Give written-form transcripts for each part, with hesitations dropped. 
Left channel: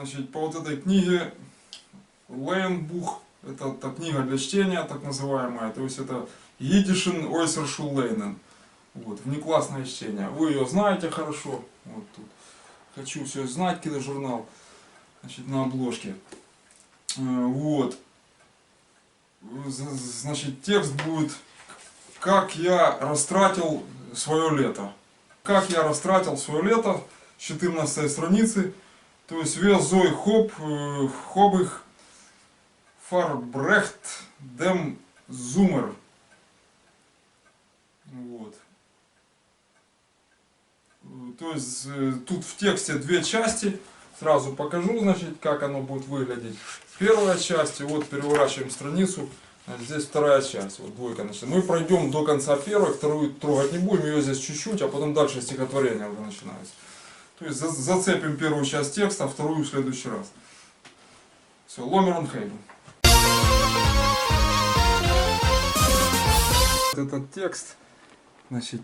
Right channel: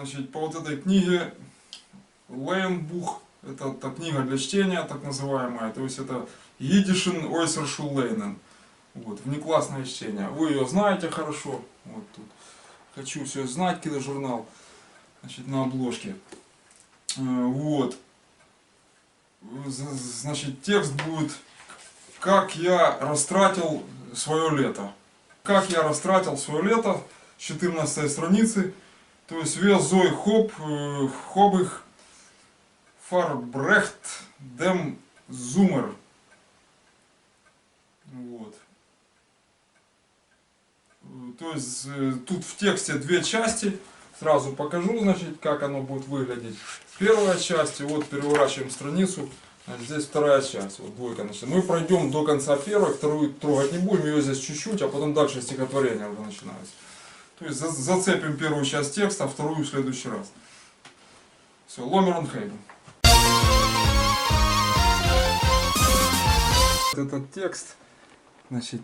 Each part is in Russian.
Значит, по вот этой книге Лейнбух, это книга для чтения, так называемая, то есть это Йидишен Ойсершул Лейнен. Вот, внеклассное чтение. Вы ее знаете хорошо. Вот тут. Хочу все знать, киножурнал. Значит, на обложке. Вот. Значит, текст будет: как я растратил свое лето. Как я растратил свое лето, с 14 страницы. То есть вес Зой Хобых Фарбрехт Дем Зумер. Вот. То есть тут в тексте две части. Сразу покажу, значит, как оно будет выглядеть. Первая часть, и вот переворачиваем страницу. Здесь вторая часть, вот двойка начинается. Мы пройдем до конца первой, вторую трогать не будем, ее здесь чуть-чуть, а потом дальше стихотворение уже начинается. То есть зацепим первую часть текста, а вторую в следующий раз. Все, Ломерон Хейбен. Этот текст, значит,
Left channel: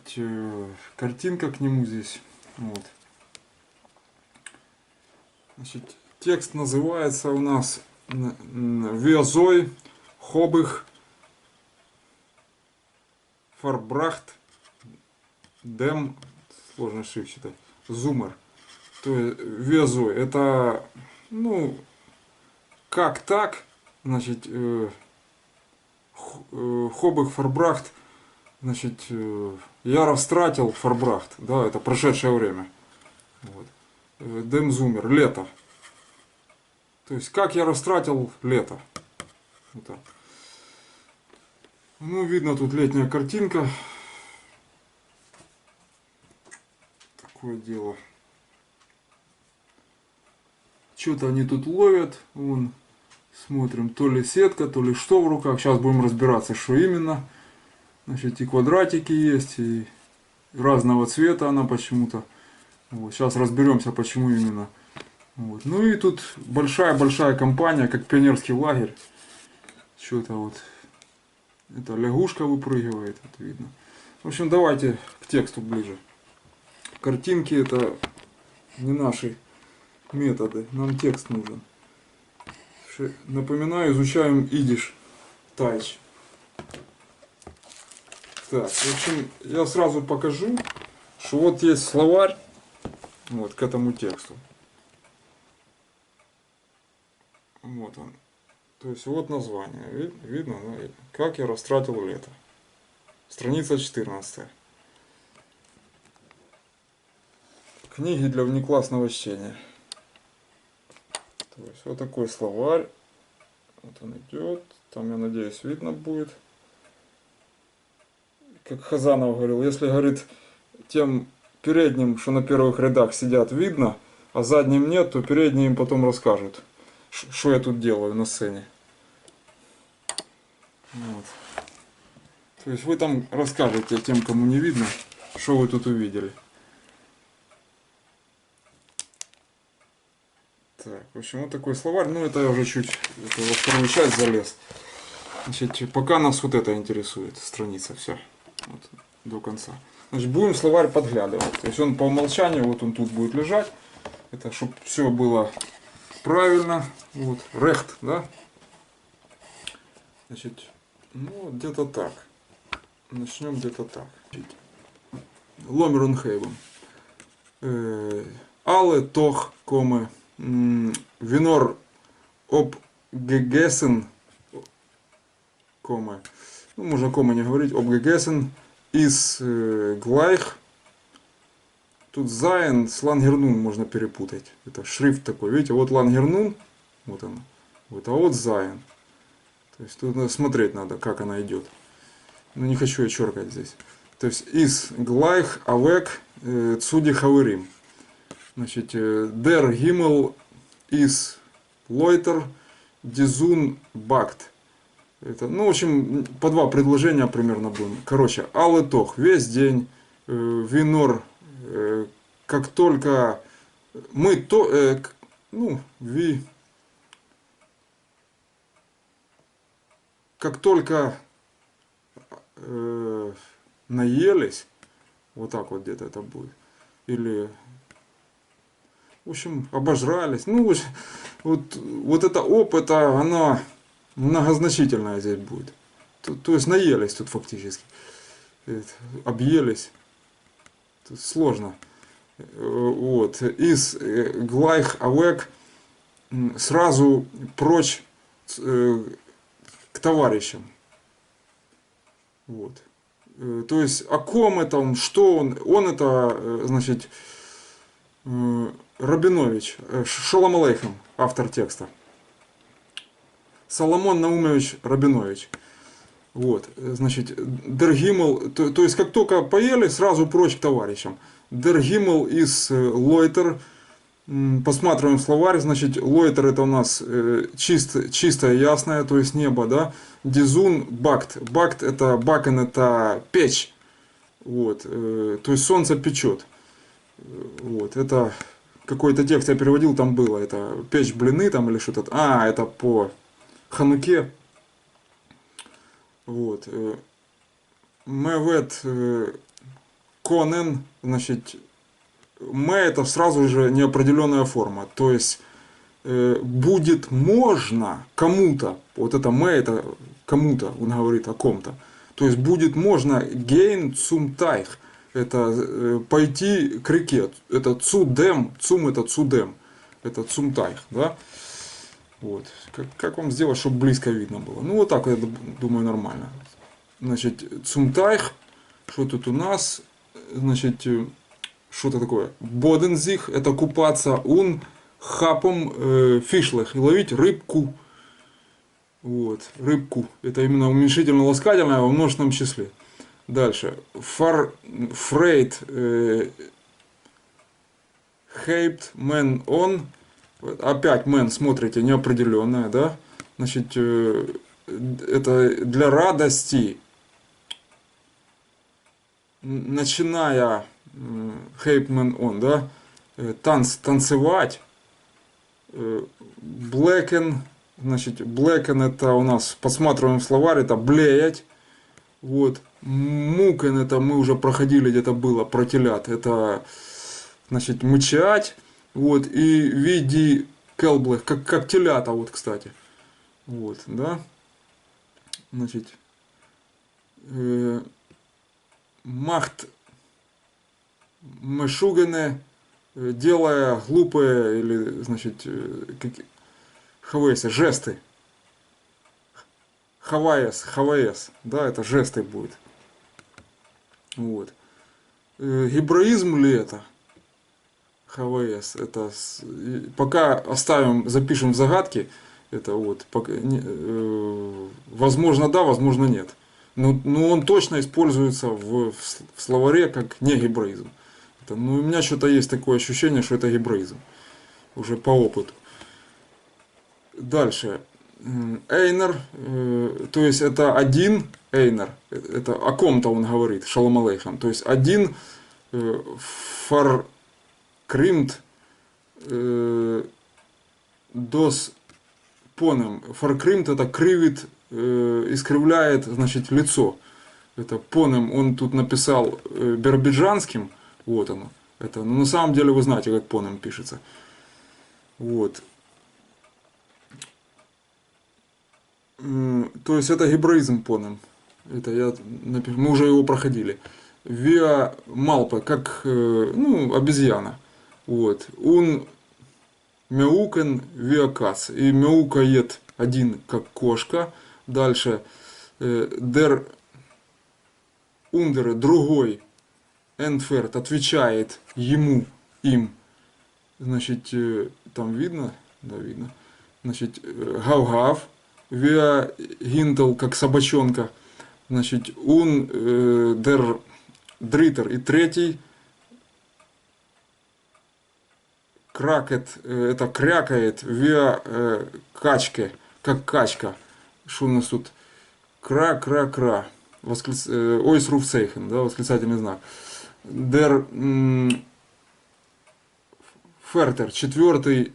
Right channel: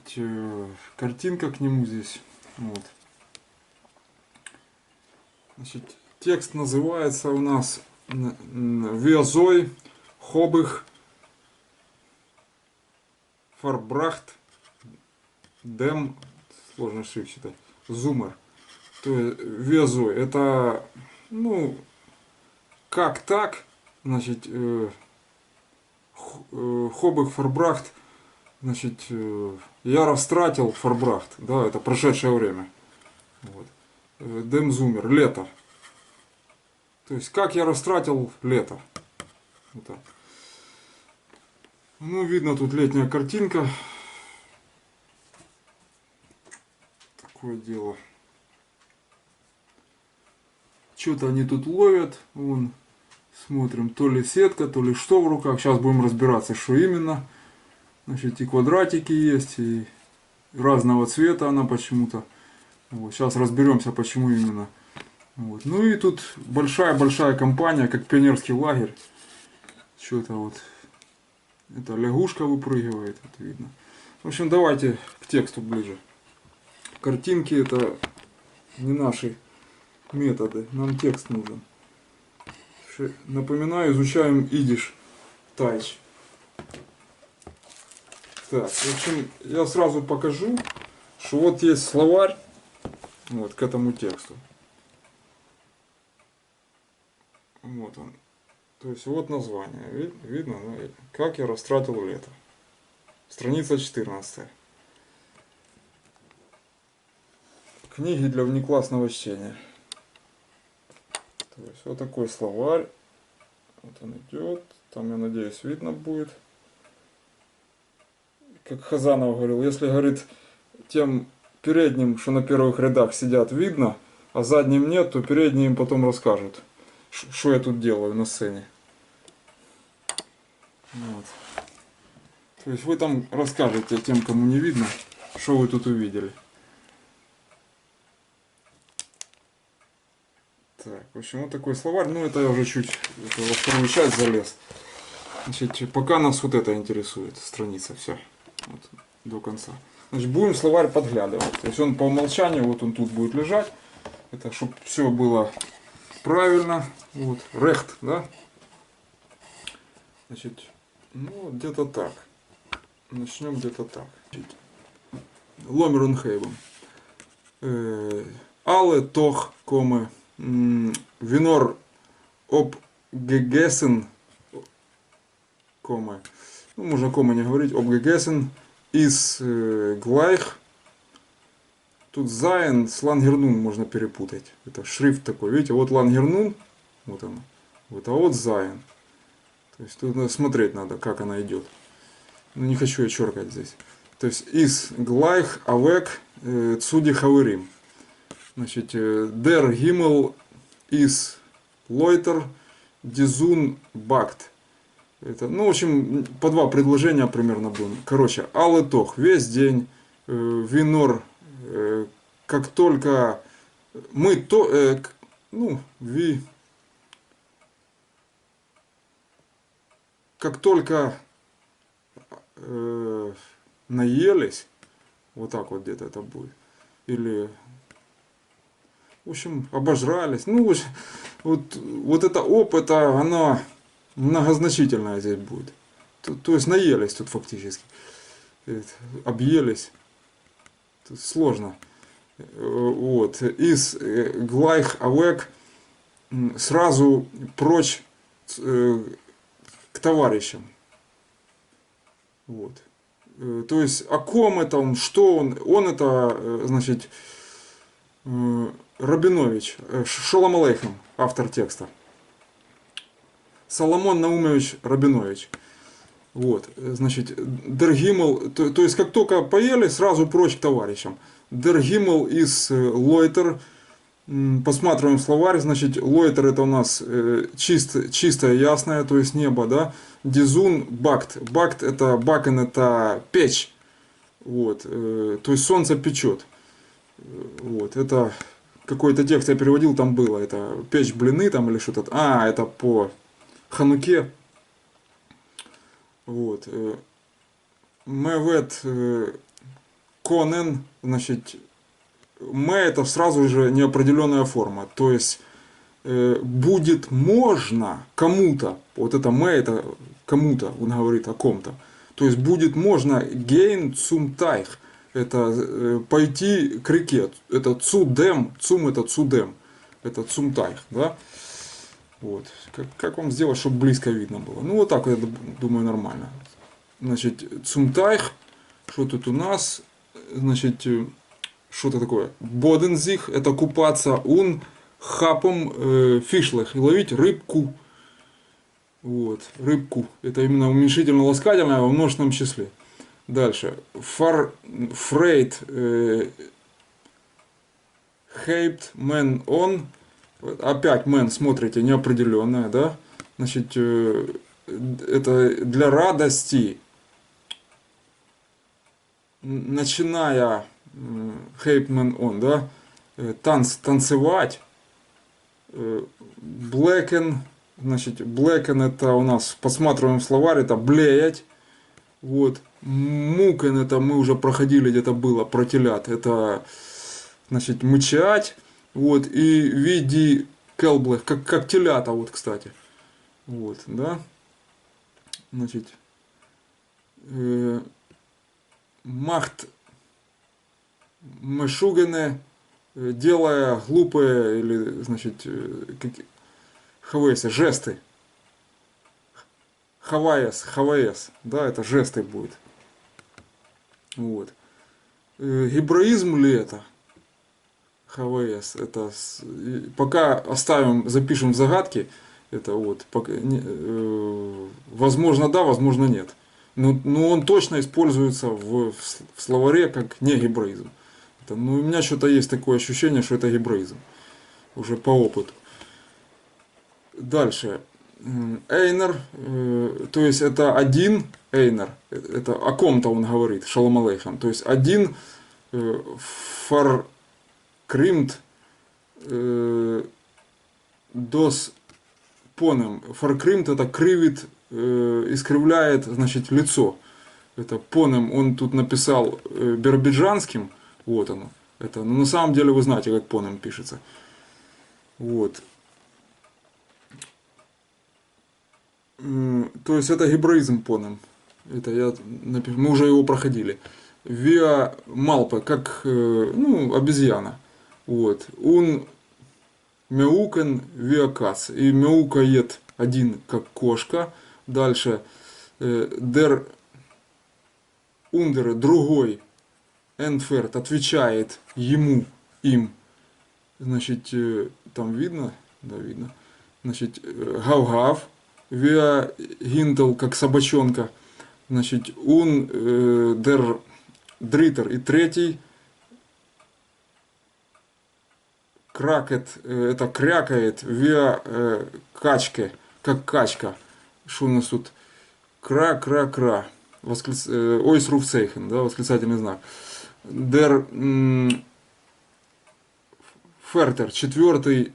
картинка к нему здесь. Вот. Значит, текст называется у нас Везой Хобых Фарбрахт Дем, сложно шрифт читать, Зумер. То есть Везой, это, ну, как так, значит, Хобых Фарбрахт, значит, я растратил Фарбрахт, да, это прошедшее время. Вот. Дем Зумер, лето. То есть, как я растратил лето. Вот так. Ну, видно, тут летняя картинка. Такое дело. Что-то они тут ловят. Вон, смотрим, то ли сетка, то ли что в руках. Сейчас будем разбираться, что именно. Значит, и квадратики есть, и разного цвета она почему-то. Вот, сейчас разберемся, почему именно. Вот. Ну и тут большая компания, как пионерский лагерь. Что-то вот. Это лягушка выпрыгивает, вот видно. В общем, давайте к тексту ближе. Картинки это не наши методы, нам текст нужен. Напоминаю, изучаем идиш тайч. Так, в общем, я сразу покажу, что вот есть словарь вот к этому тексту. Вот он. То есть вот название. Видно, да? Как я растратил лето. Страница 14. Книги для внеклассного чтения. То есть вот такой словарь. Вот он идет. Там, я надеюсь, видно будет. Как Хазанов говорил, если, говорит, тем передним, что на первых рядах сидят, видно, а задним нет, то передние им потом расскажут, что я тут делаю на сцене. Вот. То есть вы там расскажете тем, кому не видно, что вы тут увидели. Так, в общем, вот такой словарь. Ну, это я уже чуть во вторую часть залез. Значит, пока нас вот это интересует, страница, все. Вот, до конца. Значит, будем словарь подглядывать. То есть он по умолчанию, вот он тут будет лежать. Это чтобы все было правильно. Вот, рехт, да? Значит, ну, где-то так. Начнем где-то так. Ломерон Хейбен. Але тох коме винор об гегесен коме. Ну, можно кома не говорить. Об гегесен из глайх. Тут зайн с лангернун можно перепутать. Это шрифт такой. Видите, вот лангернун. Вот она. Вот, а вот зайн. То есть тут смотреть надо, как она идет. Но не хочу я черкать здесь. То есть из глайх авек цуди хаверим. Значит, дер гиммел из лойтер дизун бакт. Это, ну, в общем, по два предложения примерно будем. Короче, алетох, весь день, винор, как только мы то, ну, как только наелись, вот так вот где-то это будет, или В общем, обожрались. Ну, вот это опыта, оно многозначительное здесь будет. То есть наелись тут фактически. Объелись. Тут сложно. Вот. Из Глайх Авек сразу прочь к товарищам. Вот. То есть о ком это он, что он? Он это, значит, Рабинович, Шолом алейхем, автор текста. Соломон Наумович Рабинович. Вот, значит, Дергимл, то есть как только поели, сразу прочь к товарищам. Дергимл из Лойтер, посматриваем словарь, значит, Лойтер это у нас чистое, ясное, то есть небо, да. Дизун, бакт, бакт это, бакен это печь, вот, то есть солнце печет. Вот, это какой-то текст я переводил, там было, это печь блины там или что-то, это по Хануке. Вот. Мевет Конен, значит, М это сразу же неопределенная форма. То есть будет можно кому-то, вот это М это кому-то, он говорит о ком-то. То есть будет можно гейн цум тайх, это пойти к реке. Это цудем, цум это цудем, это цум тайх, да? Вот. Как вам сделать, чтобы близко видно было? Ну, вот так, я думаю, нормально. Значит, цумтайх, что тут у нас? Значит, что-то такое. Бодензих, это купаться. Он хапом фишлах, и ловить рыбку. Вот, рыбку. Это именно уменьшительно-ласкательное во множественном числе. Дальше. Фрейд, хейпт, мен он. Опять мен, смотрите, неопределенное, да? Значит, это для радости, начиная хейпмен он, да? Танцевать. Блэкен, значит, блэкен это у нас, посматриваем в словарь, это блеять. Вот. Мукен это мы уже проходили, где-то было, про телят. Это, значит, мычать. Вот, и види келблэх, как телята, вот, кстати. Вот, да. Значит, махт мешугене, делая глупые, или, значит, хавесы, жесты. Хаваес, да, это жесты будет. Вот. Гебраизм ли это? ХВС. Это пока оставим, запишем в загадки. Это вот, пока, возможно да, возможно нет. Но он точно используется в словаре как не гебраизм. У меня что-то есть такое ощущение, что это гебраизм. Уже по опыту. Дальше. Эйнер, то есть это один Эйнер, это о ком-то он говорит, Шалом алейхам. То есть один фаркримт дос понем. Фаркримт это кривит, искривляет, значит, лицо. Это понем, он тут написал биробиджанским, вот оно. Это, но на самом деле вы знаете, как понем пишется. Вот. То есть это гебраизм понем. Это я напишу. Мы уже его проходили. Виа малпа, как обезьяна. Вот. Он мяукен виакац. И мяукает один, как кошка. Дальше дер ундер, другой энферт отвечает ему, им. Значит, там видно? Да, видно. Значит, гав-гав. Виа гинтл, как собачонка. Значит, он дер дритер. И третий кракет, это крякает, виа качке, как качка. Что у нас тут? Кра-кра-кра. Ойс руфцейхен, да, восклицательный знак. Дер фертер, четвертый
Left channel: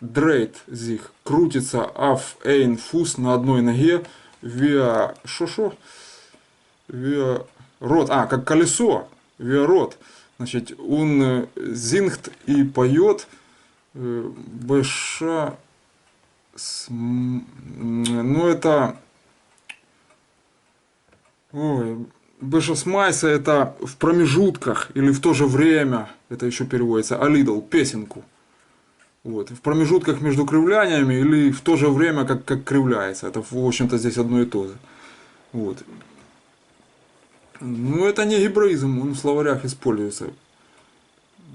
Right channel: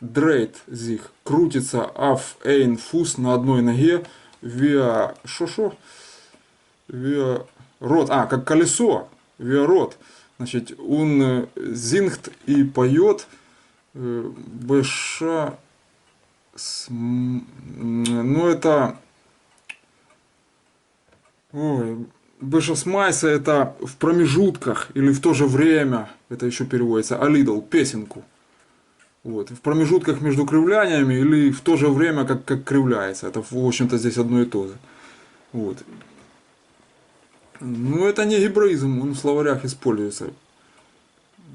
дрейт зих, крутится аф эйн фус на одной ноге, виа шо-шо, виа рот, как колесо, виа рот. Значит, он зингт и поет, БШ, ну это, ой, БШ смайса это в промежутках или в то же время, это еще переводится, алидл, песенку. Вот, в промежутках между кривляниями или в то же время, как кривляется. Это, в общем-то, здесь одно и то же. Вот. Ну, это не гебраизм, он в словарях используется.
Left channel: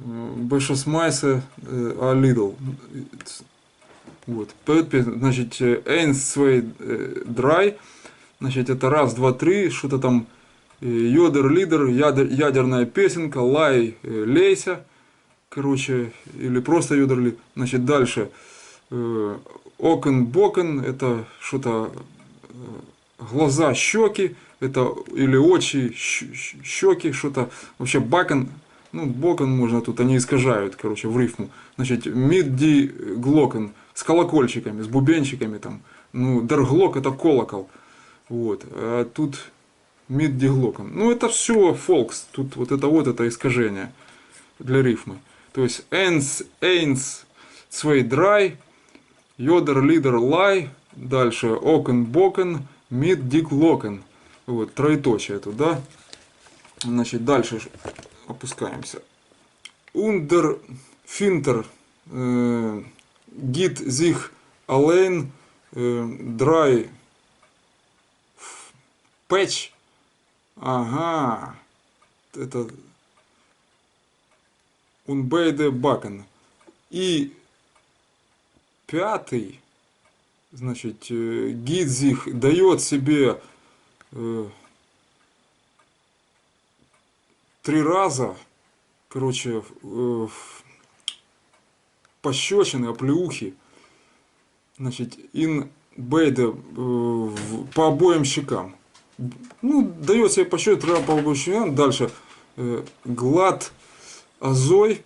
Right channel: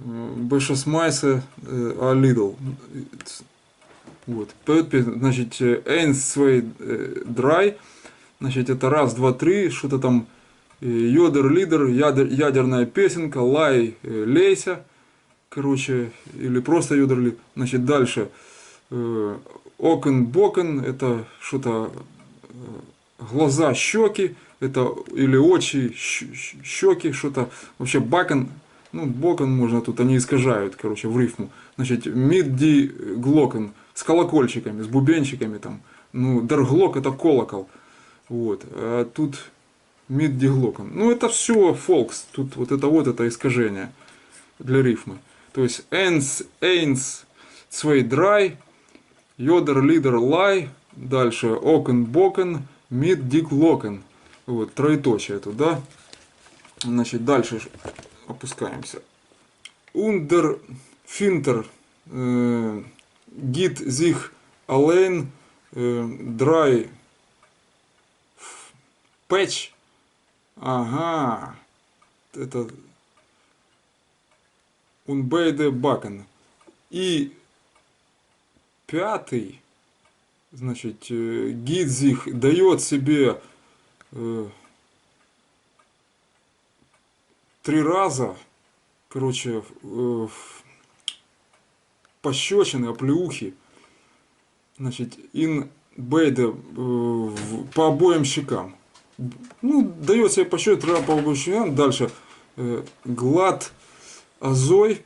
Бешесмайсе, а Лидл. Вот. Поет песню, значит, Эйнс свей драй, значит, это раз, два, три, что-то там, йодер, лидер, ядерная песенка, лай, лейся, короче, или просто йодер, значит, дальше, окен, бокен, это что-то, глаза, щеки, это или очи, щеки, что-то, вообще бакен, ну, бокен можно тут, они искажают, короче, в рифму. Значит, мидди глокен с колокольчиками, с бубенчиками там. Ну, дерглок это колокол. Вот. А тут мидди глокен. Ну, это все фолкс. Тут вот это искажение для рифмы. То есть эйнс, цвей драй, йодер, лидер, лай. Дальше окен, бокен, мидди глокен. Вот, троеточие тут, да? Значит, дальше опускаемся. Ундер финтер гит зих алейн драй пэтч. Ага. Это унбейде бакен. И пятый, значит, гидзих дает себе 3 раза, короче, пощечины, оплеухи, значит, ин бейде по обоим щекам. Ну, дает себе пощечину 3 раза по обоим щекам. Дальше глад азой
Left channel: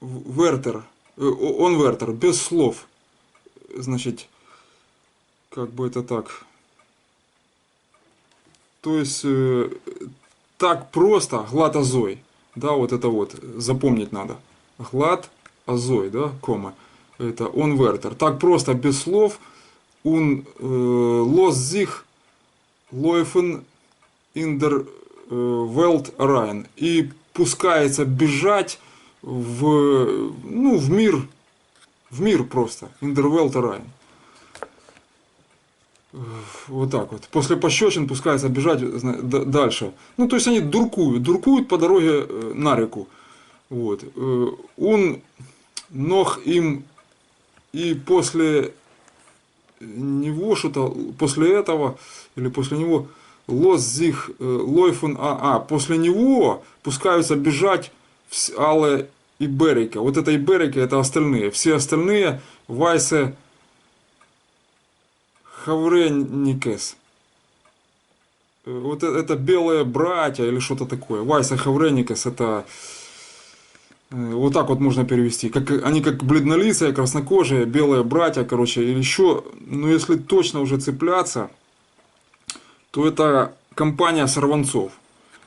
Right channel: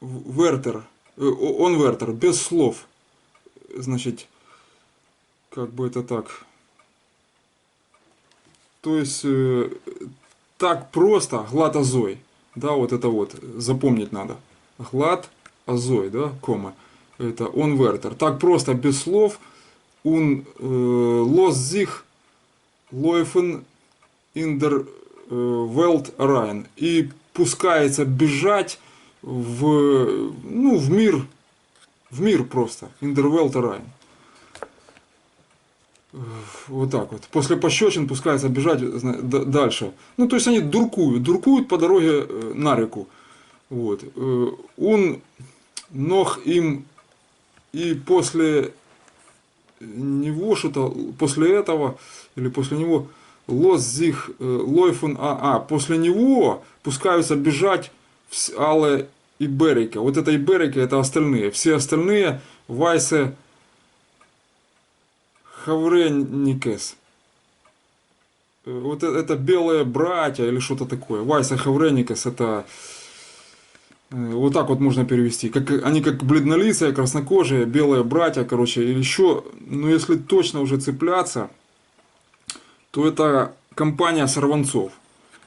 вертер, он вертер, без слов. Значит, как бы это так. То есть так просто глад азой. Да, вот это вот запомнить надо. Глад азой, да, кома. Это он вертер. Так просто без слов. Он лос зих лойфен индер велт райн. И пускается бежать в мир просто. Индер велт райн. Вот так вот. После пощечин пускается бежать дальше. Ну, то есть они дуркуют по дороге на реку. Вот. Он ног им и после него что-то, после этого, или после него лос зих лойфун после него пускаются бежать Але и Берика. Вот это и Берика, это остальные. Все остальные Вайсе Хавреникес. Вот это белые братья или что-то такое. Вайса Хавреникес это вот так вот можно перевести. Они как бледнолицые, краснокожие, белые братья, короче, или еще. Но если точно уже цепляться, то это компания сорванцов.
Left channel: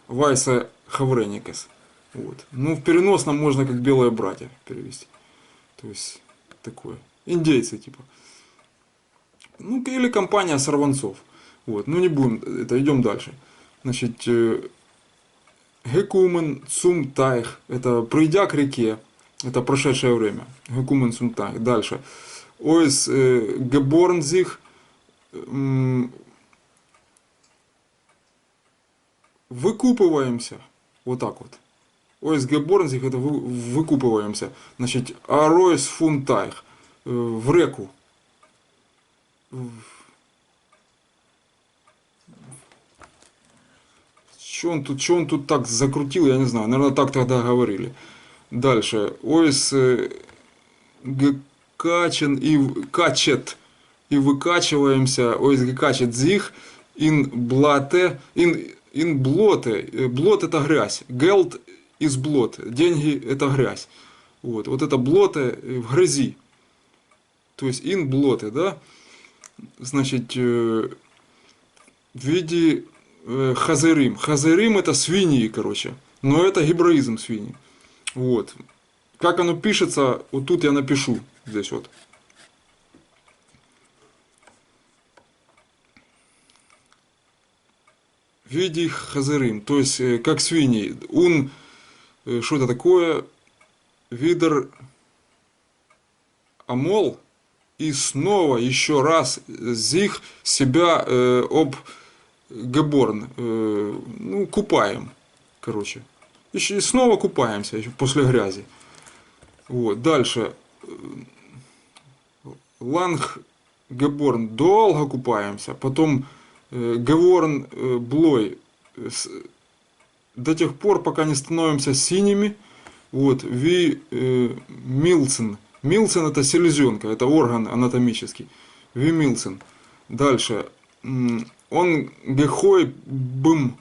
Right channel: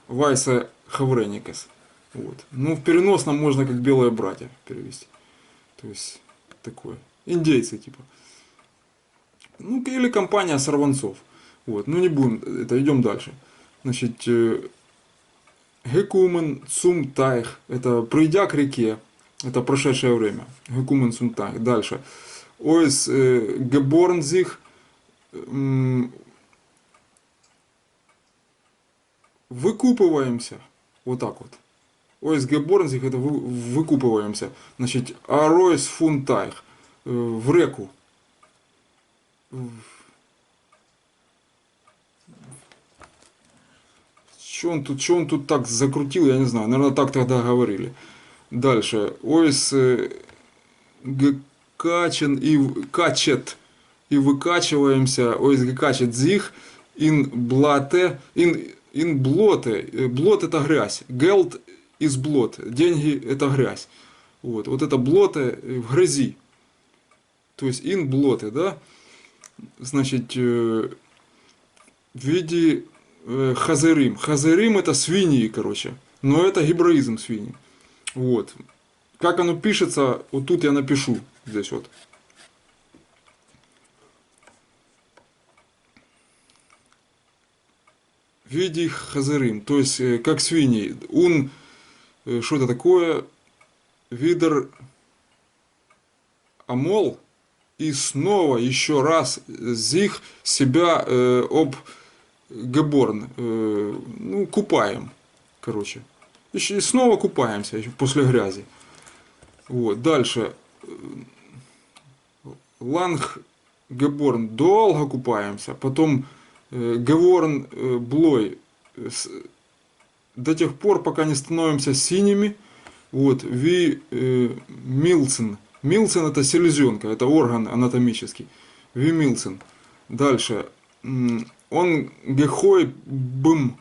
Вайса Хавреникес. Вот. Ну, в переносном можно как белые братья перевести. То есть такое. Индейцы типа. Ну, или компания сорванцов. Вот. Ну, не будем, это идем дальше. Значит, Гекумен Цумтайх, это придя к реке, это прошедшее время. Гекумен Цумтайх. Дальше. Ойс Геборнзих выкупываемся. Вот так вот. Ойс Геборнзих это выкупываемся. Значит, Аройс Фунтайх в реку. Что он тут так закрутил, я не знаю. Наверное, так тогда говорили. Дальше. Ойс гекачен и качет. И выкачиваемся. Ойс гекачет зих. Ин блате. Ин блоте. Блот это грязь. Гелд из блот. Деньги это грязь. Вот это блоте в грязи. То есть ин блоте, да? Значит, в виде хазерим. Хазерим это свиньи, короче. Но это гебраизм свиньи. Вот. Как оно пишется, вот тут я напишу. Здесь вот. Види хазырым, то есть как свиньи. Что это такое? Видер амол. И снова еще раз зих себя об геборн. Ну, купаем. Короче. И снова купаемся еще после грязи. Вот. Дальше. Ланг геборн. Долго купаемся. Потом Геворн блой до тех пор, пока не становимся синими. Вот, Милцен. Милцен это селезенка, это орган анатомический. Милцен. Дальше. Он гехой бым.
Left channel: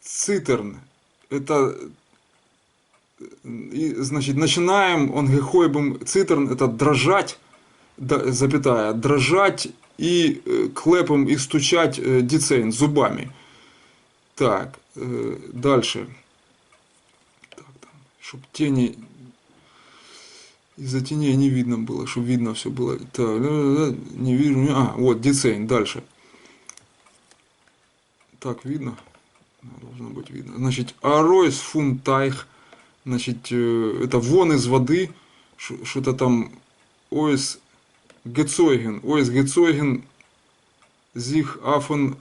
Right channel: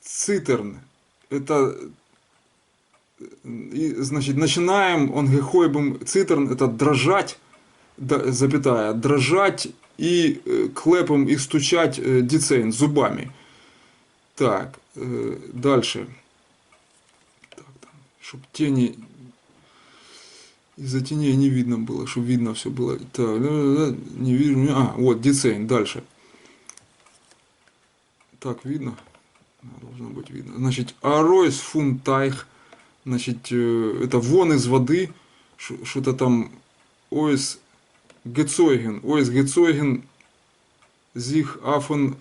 Цитерн. Это, значит, начинаем, он гехой бым цитерн, это дрожать. Запятая, дрожать и клепом и стучать дицейн зубами. Так, дальше. Так, чтобы тени из-за теней не видно было, чтобы видно все было. Так, не вижу. Вот дицейн. Дальше. Так, видно? Должно быть видно. Значит, аройс фунтайх. Значит, это вон из воды. Что-то там. Ойс Гецойген, sich affen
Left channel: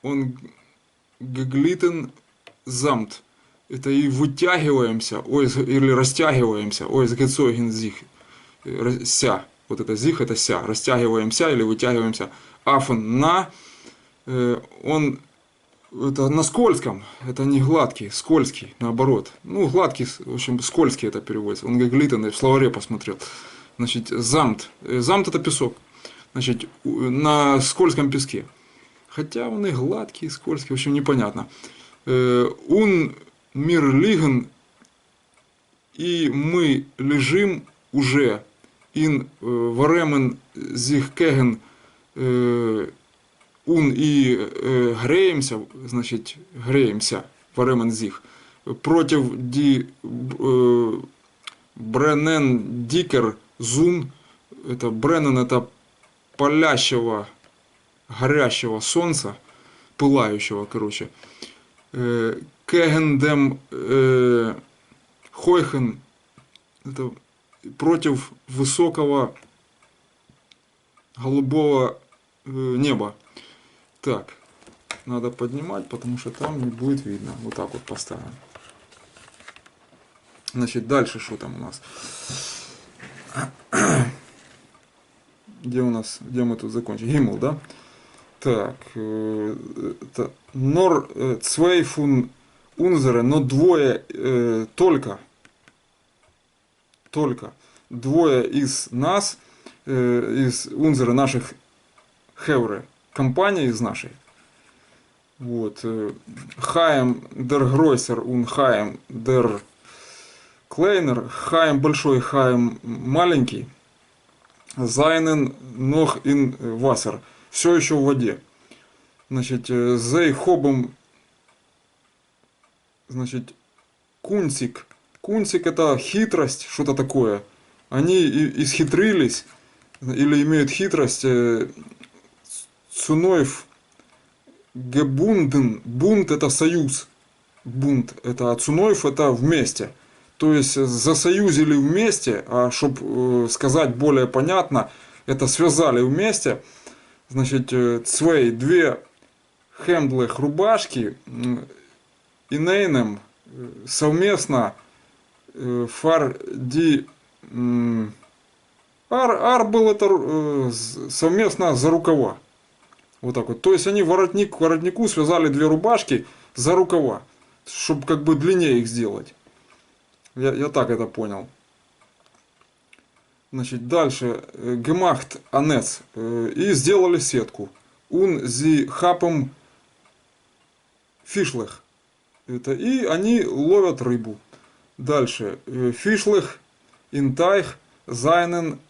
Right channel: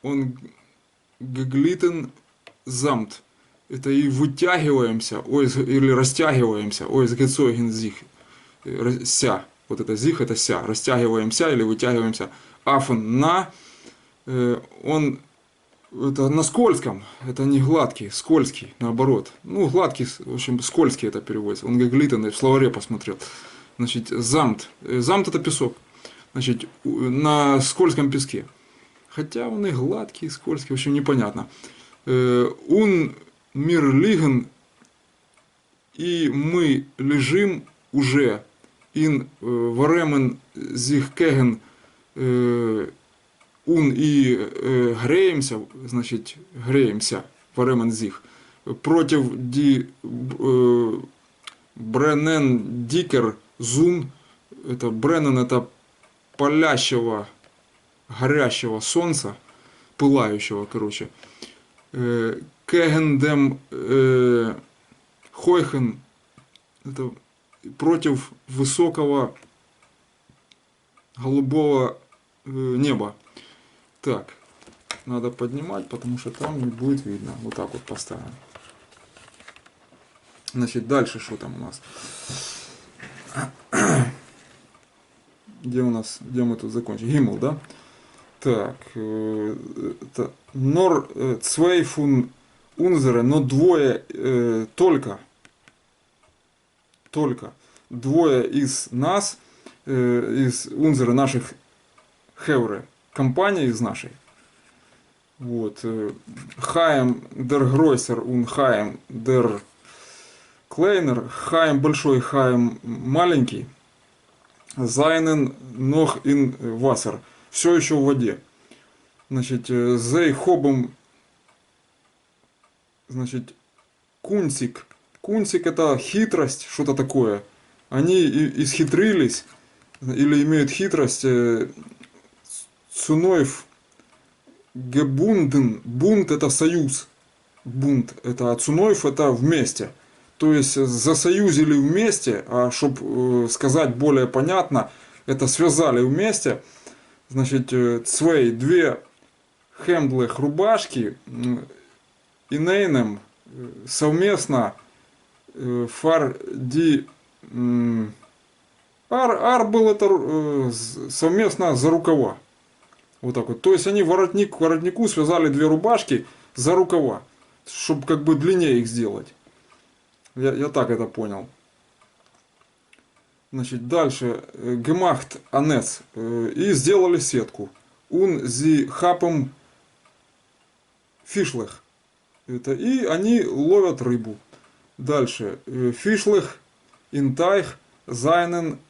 он geglitten samt. Это и вытягиваемся, или растягиваемся, Гецойген sich, ся. Вот это sich, это ся. Растягиваемся или вытягиваемся. Affen на, он это на скользком, это не гладкий, скользкий, наоборот. Ну, гладкий, в общем, скользкий это переводится. Он geglitten, в словаре посмотрел. Значит, замт. Замт это песок. Значит, на скользком песке. Хотя он и гладкий, и скользкий, в общем, непонятно. Он мир лиген, и мы лежим уже. Ин варемен зих кеген ун и греемся, значит, греемся, варемен зих. Против ди бренен дикер зун, это Бреннан, это палящего, горящего солнца, пылающего, короче. Кегендем хойхен, это против высокого голубого неба. Так, надо поднимать, потому что там не будет видно. Вот так вот поставим. Значит, дальше что там у нас? Где мы тут закончили? Гиммел, да? Так, нор цвейфун унзере, но двое только двое из нас, из унзера наших хевре, компания из нашей. Вот. Хаем дер гройсер ун хаем дер клейнер. Хаем большой, хаем маленький. Зайнен нох ин вассер. Все еще в воде. Значит, зей хобом, значит, кунцик. Кунцик это хитрость, что-то такое. Они исхитрились, или имеют хитрость. Цуноев гебунден. Бунт это союз. Бунт это, а цуноев это вместе. То есть засоюзили вместе, а чтобы сказать более понятно, это связали вместе. Значит, цвей, две хемдлых рубашки и нейнем совместно фар ди ар был это совместно за рукава. Вот так вот. То есть они воротник к воротнику связали две рубашки за рукава, чтобы как бы длиннее их сделать. Я так это понял. Значит, дальше. Гемахт анец. И сделали сетку. Ун зи хапом фишлех. И они ловят рыбу. Дальше. Фишлех, интайх, зайнен,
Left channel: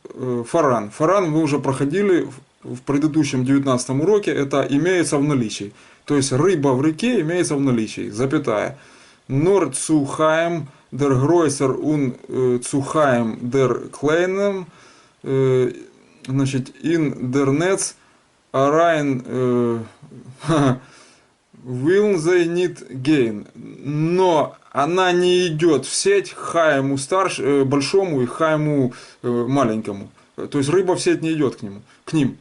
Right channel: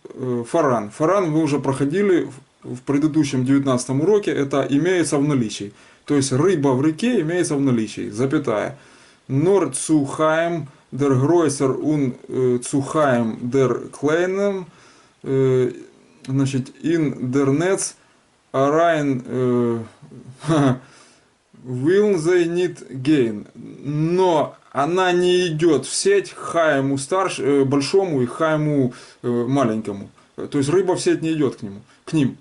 фаран. Фаран мы уже проходили в предыдущем 19 уроке. Это имеется в наличии. То есть рыба в реке имеется в наличии, запятая. Нор zu heim der Größer und zu heim der Kleinen, значит, in der Netz rein will they nicht gehen. Но она не идет в сеть Хайму большому и Хайму маленькому. То есть рыба в сеть не идет к ним.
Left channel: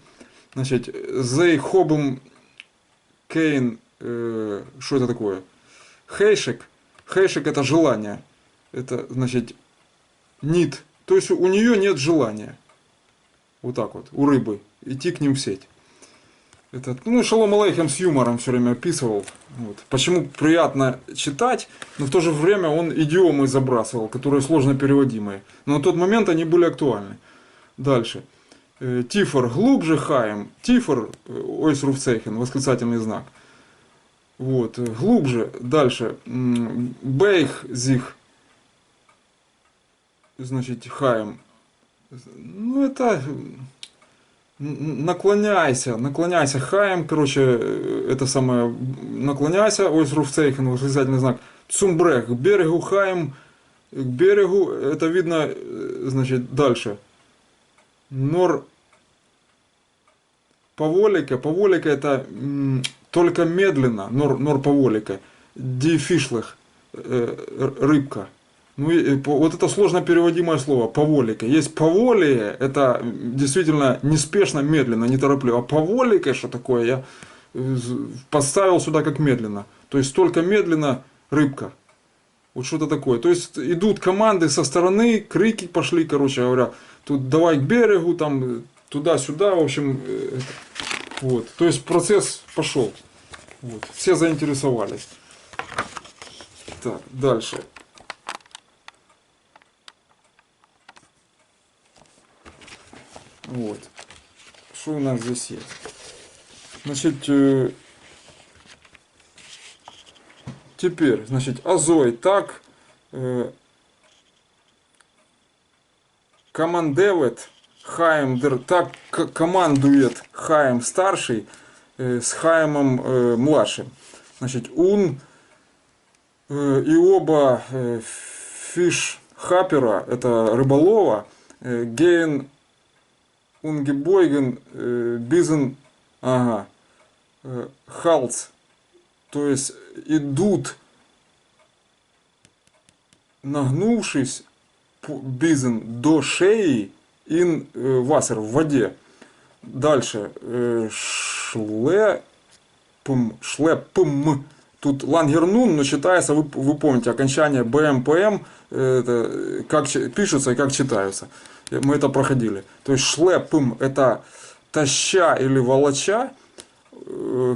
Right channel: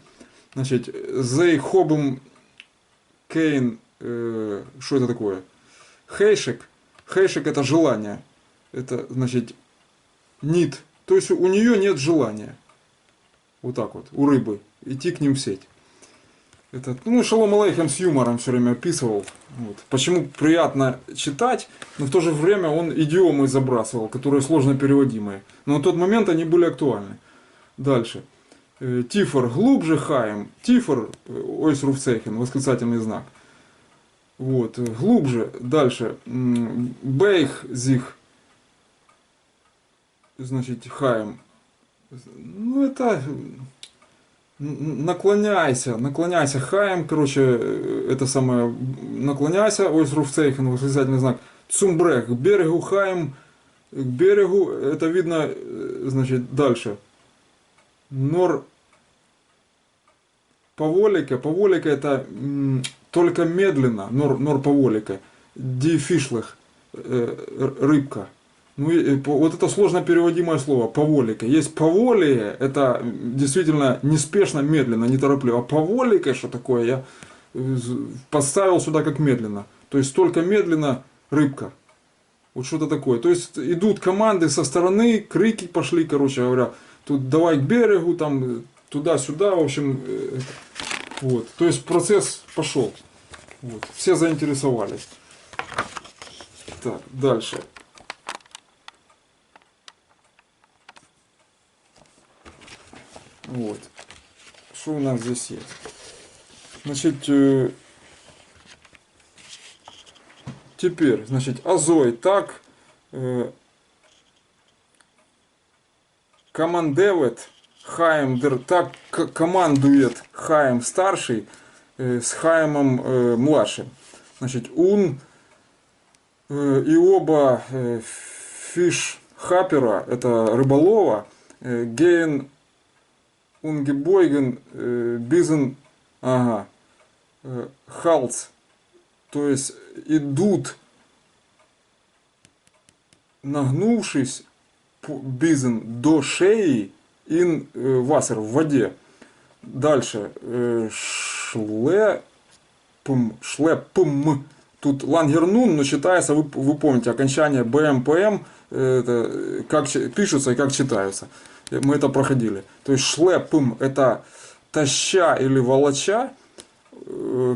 Значит, they хобом кейн, что это такое? Хейшек. Хейшек это желание. Это значит нит. То есть у нее нет желания. Вот так вот, у рыбы. Идти к ним в сеть. Это, ну, Шалом Алейхем с юмором все время описывал. Вот. Почему приятно читать, но в то же время он идиомы забрасывал, которые сложно переводимые. Но на тот момент они были актуальны. Дальше. Тифор глубже хаем. Тифор, ойсруфцейхен, восклицательный знак. Вот, глубже. Дальше. Бейх зих. Значит, хаем. Ну, это... наклоняйся, хаем, короче, это самое, наклоняйся, ойсруфцейхен, восклицательный знак, цумбрех, к берегу, хаем, к берегу, это видно, значит, дальше, нор, поволика это только медленно, нор поволика, ди фишлых, рыбка. Ну, вот это сложно переводимое слово, поволика. Есть поволие, это действительно неспешно, медленно, неторопливо. А поволика, что такое, я поставил сюда как медленно. То есть только медленно рыбка. Вот что-то такое. То есть идут команды со стороны, крики пошли, короче говоря. Тут давай к берегу, там туда-сюда, в общем. Вот. То есть процесс пошел. Вот. Все заинтересовались. Так, дальше. Вот. Что у нас здесь есть? Значит, теперь, значит, Азой так командевет Хаим, так командует Хаим старший с Хаимом младшим. Значит, он и оба фиш-хапера, это рыболова, гейн Унгебойген, Бизен, Халц, то есть идут, нагнувшись, Бизен до шеи, ин вассер, в воде. Дальше, шлепм, тут лангернун, но читается, вы помните, окончание БМПМ, это как пишутся и как читаются. Мы это проходили. То есть шлепым это таща или волоча.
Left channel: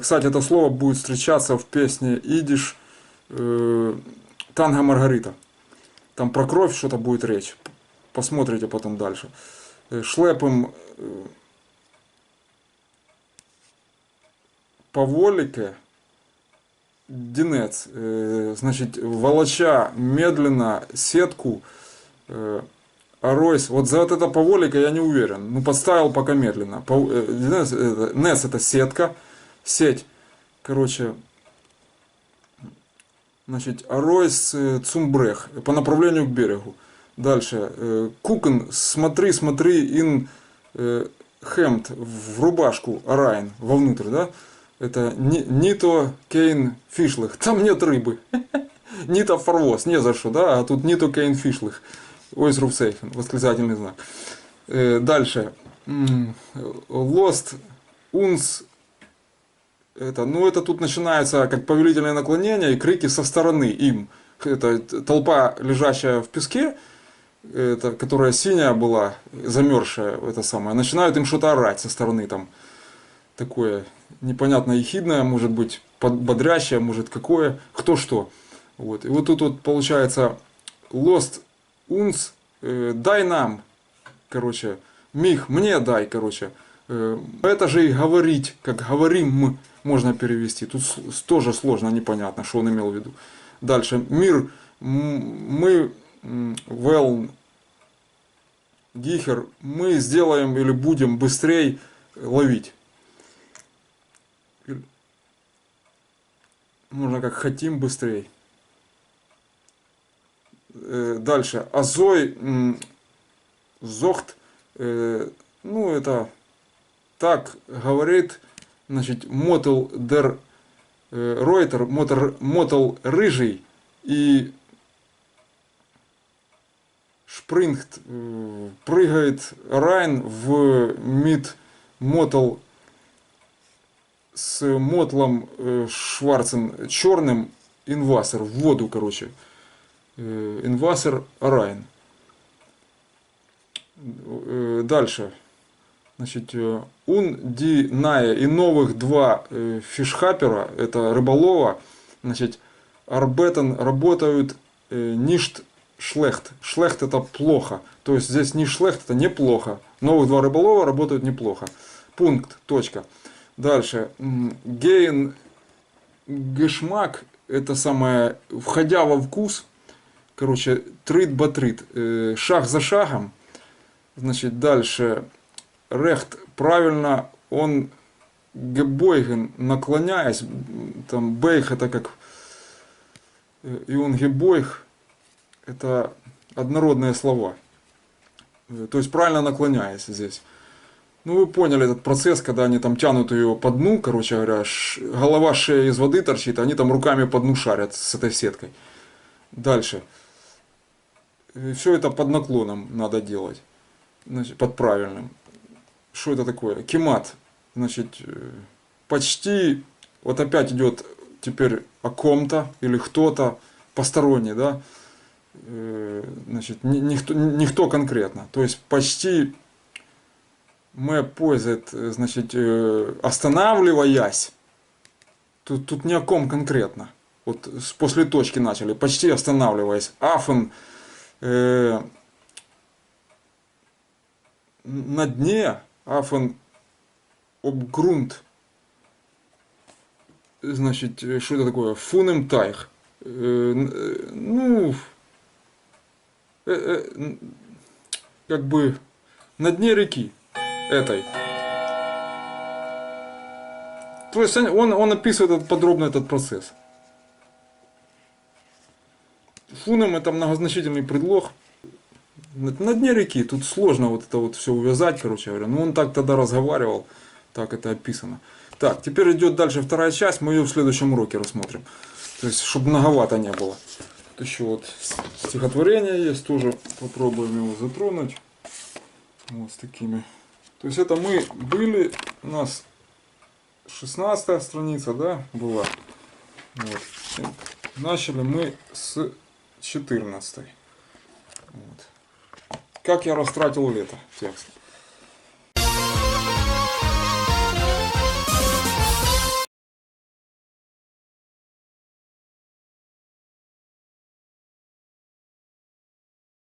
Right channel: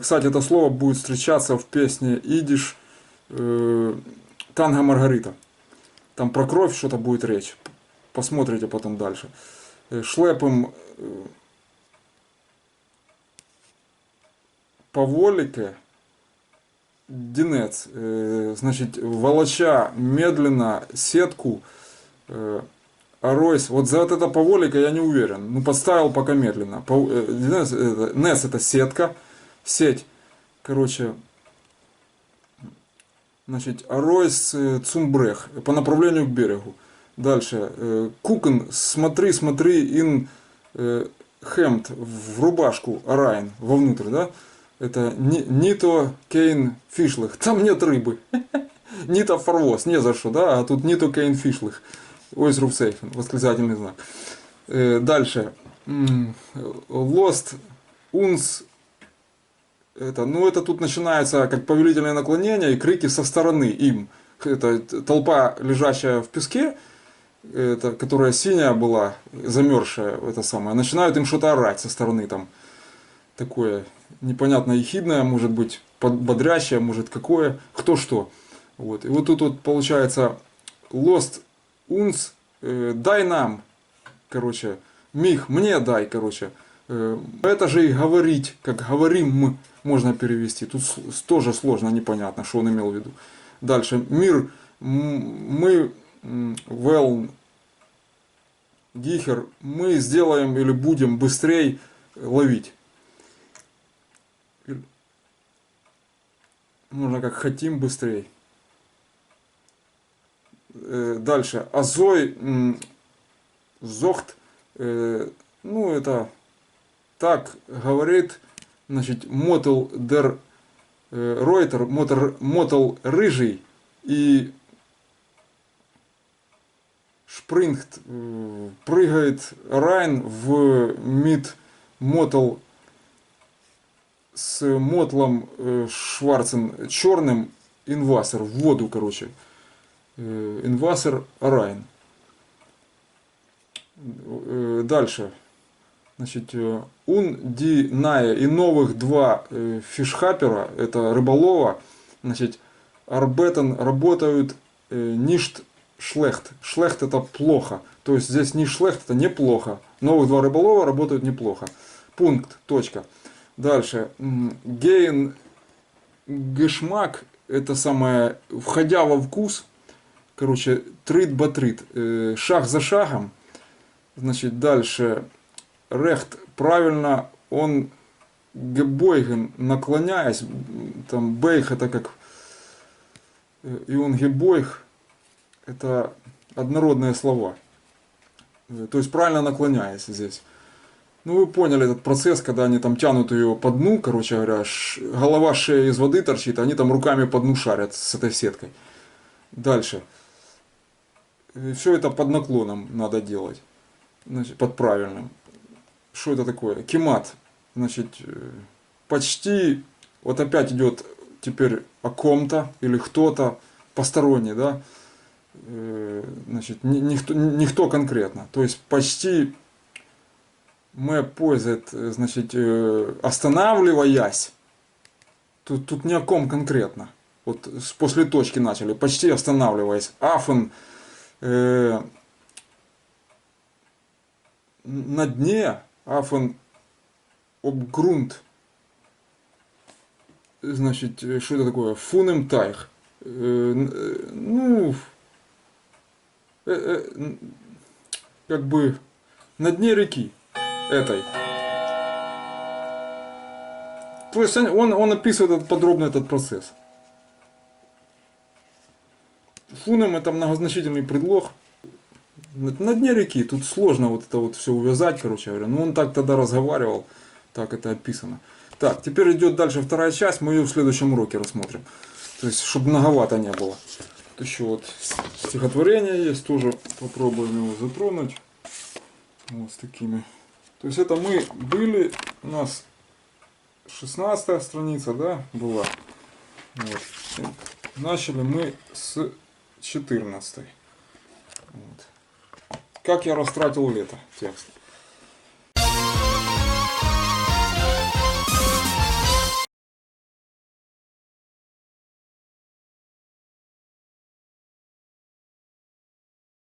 Кстати, это слово будет встречаться в песне идиш Танго Маргарита. Там про кровь что-то будет речь. Посмотрите потом дальше. Шлепым поволике динец. Значит, волоча медленно сетку. Аройс, вот за вот это поволика я не уверен. Ну, подставил пока медленно. Нес это сетка, сеть. Короче, значит, Аройс Цумбрех по направлению к берегу. Дальше. Кукен, смотри, ин хемт в рубашку, арайн, вовнутрь, да? Это нито кейн фишлых. Там нет рыбы. Нито форвоз, не за что, да? А тут нито кейн фишлых. Ойсруфцейхен, восклицательный знак. Дальше. Lost uns. Это, ну, это тут начинается как повелительное наклонение и крики со стороны им. Это толпа, лежащая в песке, это, которая синяя была, замерзшая, это самое, начинают им что-то орать со стороны там. Такое непонятно ехидное, может быть, бодрящее, может какое, кто что. Вот. И вот тут вот получается Lost uns, дай нам, короче, мих, мне дай, короче. Это же и говорить, как говорим, можно перевести. Тут тоже сложно, непонятно, что он имел в виду. Дальше. Мир, мы, well, гихер, мы сделаем или будем быстрее ловить. Можно как хотим быстрее. Дальше. Азой зохт. Ну, это так говорит, значит, мотл дер Ройтер, мотл рыжий и шпрингт прыгает Райн в мид мотл с мотлом Шварцем черным инвасер в воду, короче. Инвасер Райн. Дальше. Значит, ди ная и новых два фишхапера, это рыболова, значит, арбетен работают ништ шлехт. Шлехт это плохо. То есть здесь не шлехт, это неплохо. Новых два рыболова работают неплохо. Пункт, точка. Дальше. Гейн гешмак, это самое, входя во вкус, короче, трит-батрит, шаг за шагом. Значит, дальше. Рехт, правильно, он гебойген, наклоняясь, там бейх это как, и он гебойг, это однородные слова. То есть правильно наклоняясь здесь. Ну вы поняли этот процесс, когда они там тянут ее по дну, короче говоря, голова шея из воды торчит, а они там руками по дну шарят с этой сеткой. Дальше. Все это под наклоном надо делать, значит, под правильным. Что это такое? Кемат. Значит, почти, вот опять идет теперь о ком-то или кто-то посторонний, да? Значит, никто конкретно. То есть почти мы пользует, значит, останавливаясь, тут ни о ком конкретно. Вот после точки начали, почти останавливаясь. Афен на дне, афен обгрунт. Значит, что это такое? Фунем тайх. Ну, как бы на дне реки этой. То есть он описывает подробно этот процесс. Фунем это многозначительный предлог. На дне реки, тут сложно вот это вот все увязать, короче говоря. Но он так тогда разговаривал, так это описано. Так, теперь идет дальше вторая часть, мы ее в следующем уроке рассмотрим. То есть, чтобы многовато не было. Тут еще вот стихотворение есть, тоже попробуем его затронуть. Вот с такими. То есть это мы были, у нас 16 страница, да, была. Вот. Начали мы с 14. Вот. Как я растратил лето, текст.